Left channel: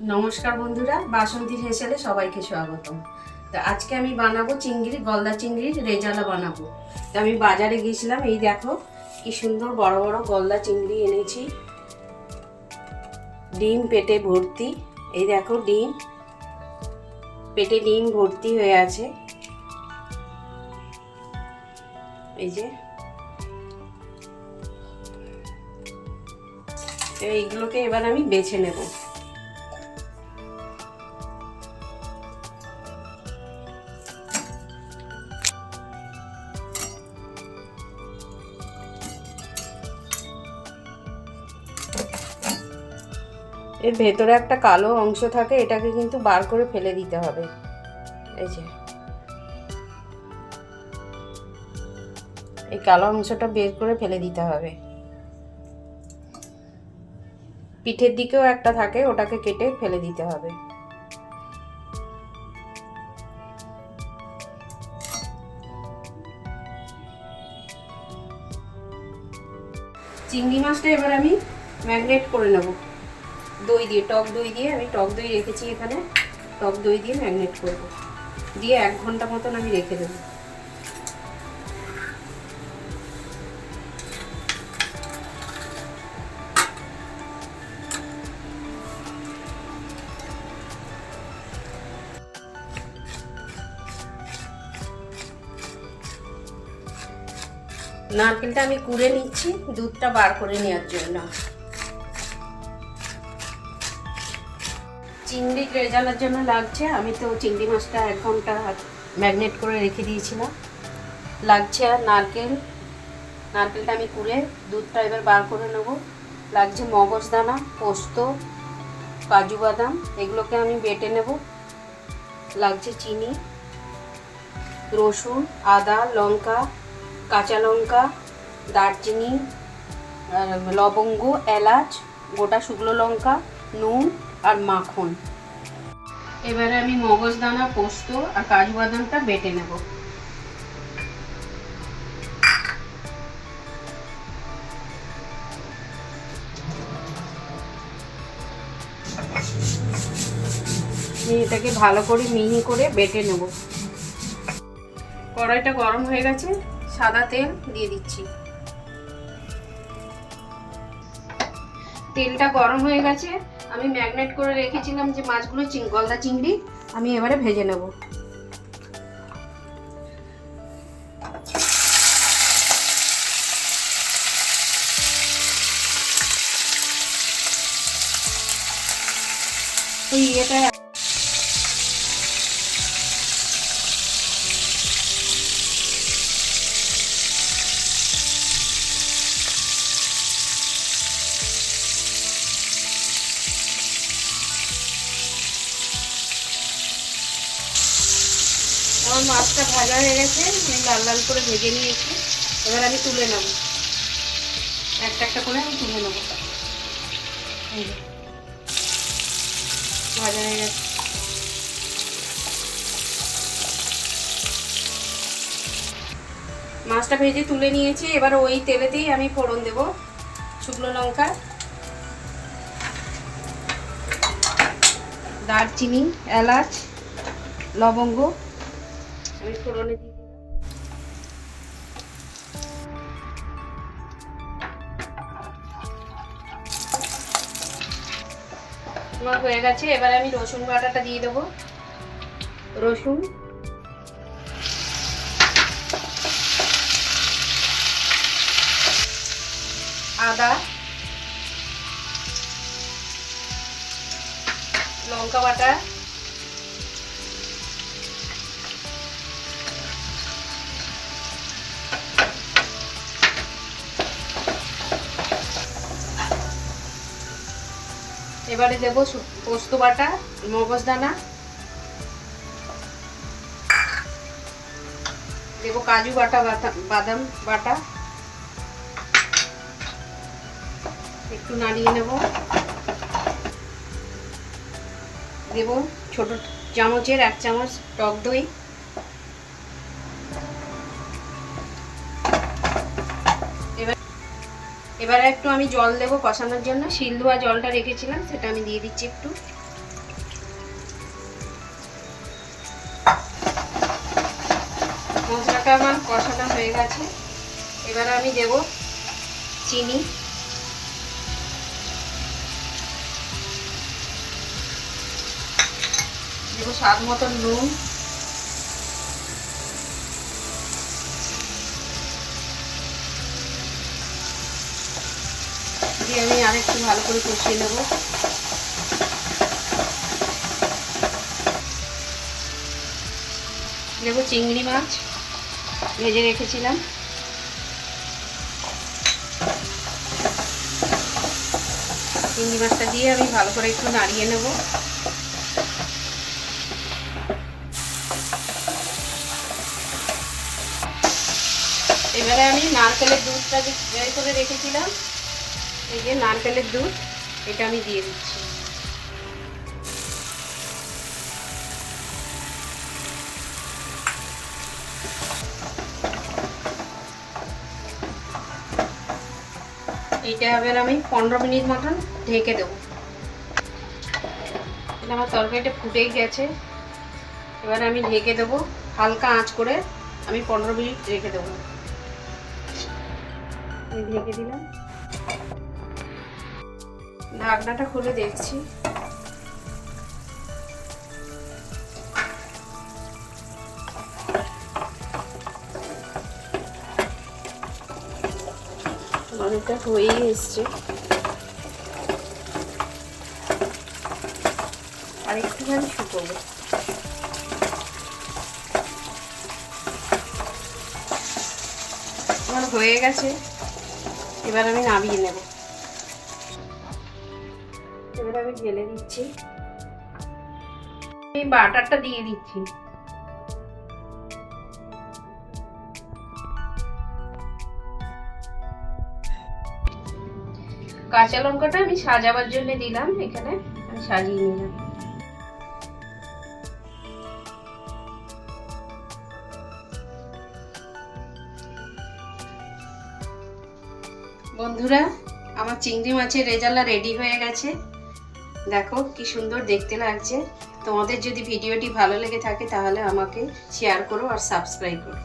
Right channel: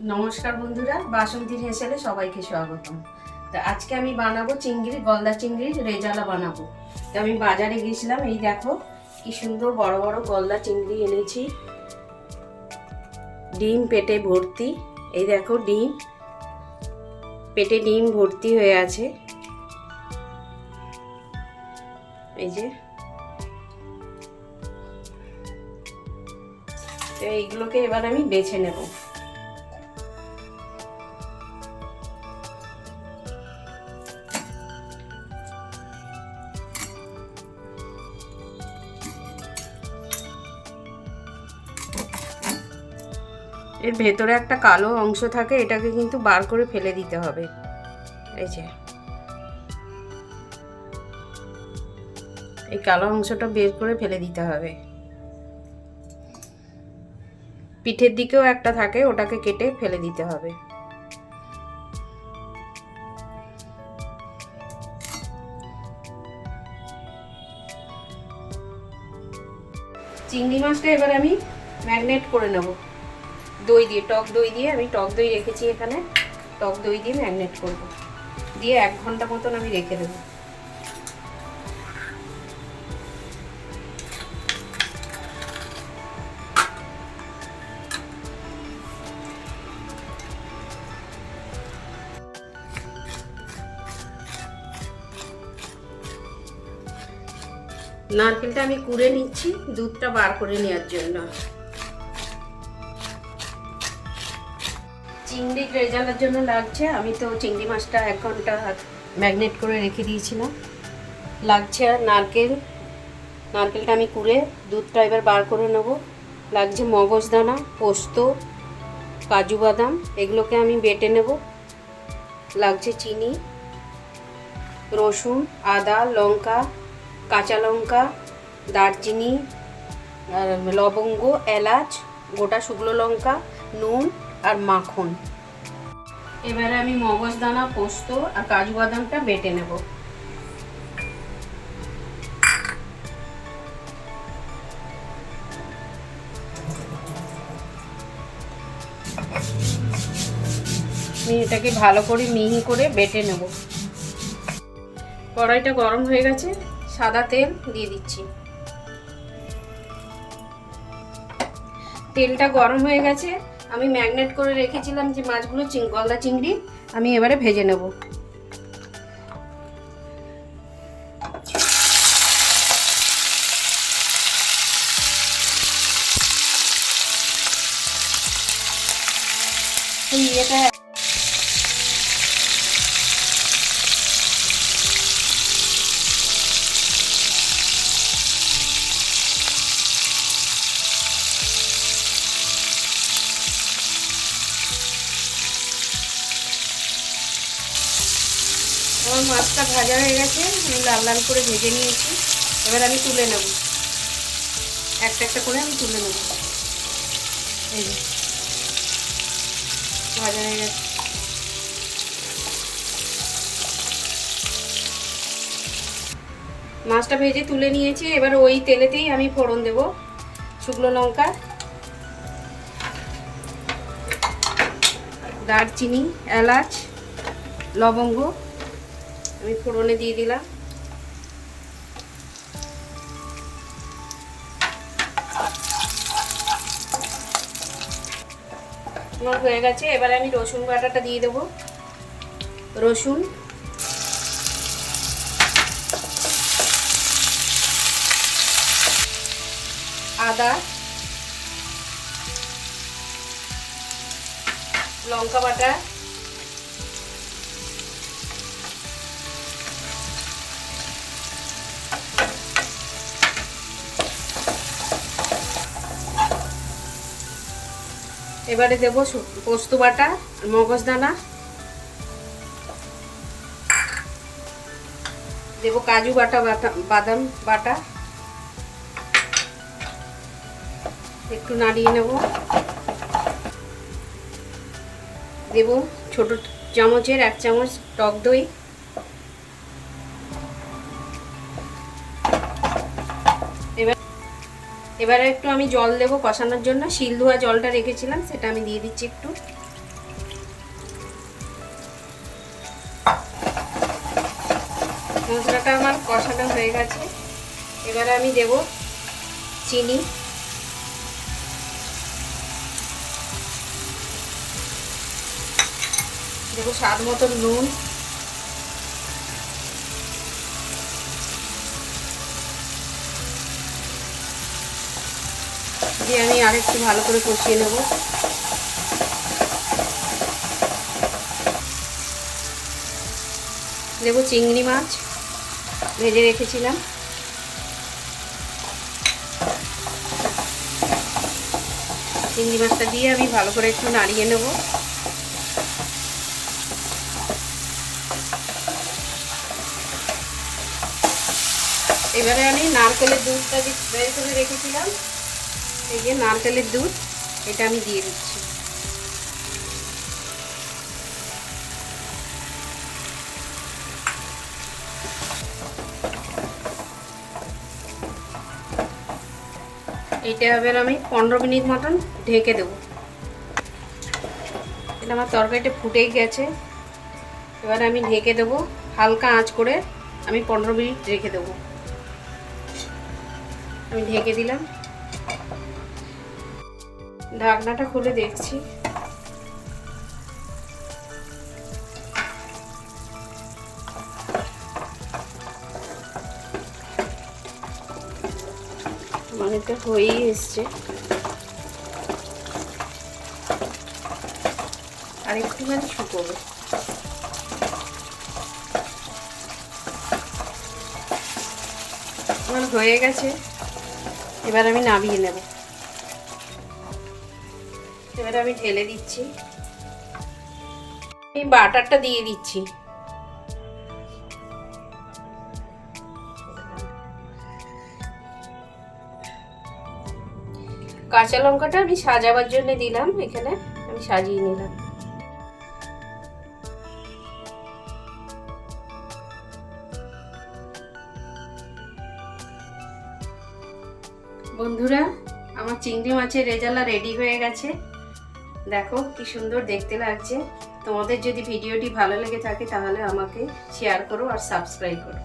নমস্কার বন্ধুরা, বাসন্তীর হেসেলে সবাইকে স্বাগতম। তো আজকে আমি বানাবো গলদা চিংড়ির রেজালা বানাবো। তো আমি বাজারে গিয়েছিলাম, এই দেখো কি সুন্দর বড় বড় গলদা চিংড়ি এনেছি। ডিম পেটে ভর্তি, এই দেখো ডিম পেটে ডিম ভর্তি হয়ে আছে। এই যে এইগুলোকে এবার আমি বেছে নেব। এর ভেতরে একটা কালো অংশ থাকে, এটাকে কিন্তু বার করে ফেলে দিতে হবে। এই যে এই কালো অংশটা বের করে ফেলে দিতে হবে। পিঠের দিকেও একটা থাকে, ওটাকে কেটে ফেলে দিতে হবে। চিংড়ি মাছটা এবার আমি ম্যারিনেট করে নেব দই দিয়ে, টক দই দিয়ে। আমি টক দই রেখেছি এখানে, টক দই দিয়ে ম্যারিনেট করব, দিয়ে 1 ঘন্টা মতন আমি রেখে দেবো। নারকেলটা আমি কুড়ে নিচ্ছি দুধটা বার করে নেওয়ার জন্য। চিংড়ি রেজালার জন্য লাগছে, আমি তো চিংড়ি মাছটা 1 ঘন্টা ম্যারিনেট করে রেখে দিয়েছিলাম। লাগছে আর নারকেলটা আমি কুড়ে দুধটা এবার বার করে নেব। লাগছে মগজদানা, পোস্ত, কাজু বাদাম, এগুলোকে আমি বেটে নেব। লাগছে চিনি, রসুন, আদা, লঙ্কা, কাঁচা লঙ্কা, দারচিনি, লবঙ্গ, এলাচ, গোটা শুকনো লঙ্কা, নুন আর মাখন। এবারে আমি মগজদানা, পোস্ত আর কাজু বাদামটা বেটে নেব। আমি এটাকে ভালো করে মিহি করে বেটে নেব। কড়াইটা গরম হয়ে গেছে, সাদা তেল দিয়ে দিচ্ছি। তেলটা গরম হয়ে গেছে, আমি ম্যারিনেট করে রেখেছিলাম যে মাছগুলো, গলদা চিংড়ি, আমি এবারে ভেজে নেব। এটা আমার মাছটা ভাজা হয়ে গেছে, আমি লাল লাল করে ভেজে নিয়েছি। এবার আমি তুলে নেব, একটা একটা করে আমি তুলে নেব। এই যে ভাজা হয়ে গেছে। মাছটা ভেজে তুলে নিয়েছি, এবার ওই তেলেতেই আমি ফোড়ন দেব। শুকনো লঙ্কা, দারচিনি, এলাচ, লবঙ্গ আমি ফোড়নে দিয়ে দিলাম। আমার হয়ে গেছে, এবার আমি রসুন বাটাটা দিয়ে দেবো। রসুন, আদা, লঙ্কা বাটা, এবারে দেবো পোস্ত বাটা, মগজদানা দেবো, কাজু বাটা, বাদাম বাটা, একটু নাড়িয়ে নেব। দেব ছোট চামচের 1 চামচ টক দই। এবারে একটু আমি জল দেবো কষানোর জন্য, শিল ধোয়া জলটা রেখেছিলাম সেটা আমি দিয়ে দিচ্ছি একটু। আমার কষানো হয়ে গেছে। এবারে আমি দেব চিনি, দেব স্বাদ মতো নুন, দিয়ে আমি আরেকটু ভালো করে কষিয়ে নেব। দেব চিংড়ি মাছ ভেজে রেখেছিলাম, চিংড়ি মাছটা দিয়ে আমি ভালো করে একটু নাড়িয়ে নেব। এবারে আমি নারকেলের দুধটা বের করে রেখেছিলাম, এই যে নারকেলের দুধ, এটা আমি দিয়ে দিচ্ছি। এইটা এবার আমি 15 মিনিট মতন ঢেকে দেবো। এটা আমার তরকারিটা ফুটেই গেছে, এবার আমি ঢেকে দেবো, হালকা আঁচ করে আমি 15 মিনিট রেখে দেবো। আমি ঢেকে দিলাম, ঢাকনাটা খুলে দেখছি। অনেকটা হয়েই এসছে, আর একটুখানি শুকোবে। আমার হয়ে গেছে, এবার আমি নামিয়ে নেব। এবার আমি ঢেলে দিচ্ছি, আমি বাটারটা দিয়ে দিচ্ছি। কাঁচা লঙ্কাটা আমি সাজাবার জন্য দিলাম, এখানে আমি সাজিয়ে নিলাম। বন্ধুরা, আমার চিংড়ি মাছের রেজালা রেডি হয়ে গেছে। দেখো কি সুন্দর দেখতে লাগছে। তোমাদের যদি ভিডিওটি ভালো লেগে থাকে তাহলে আমাকে শেয়ার করো আর সাবস্ক্রাইব করো।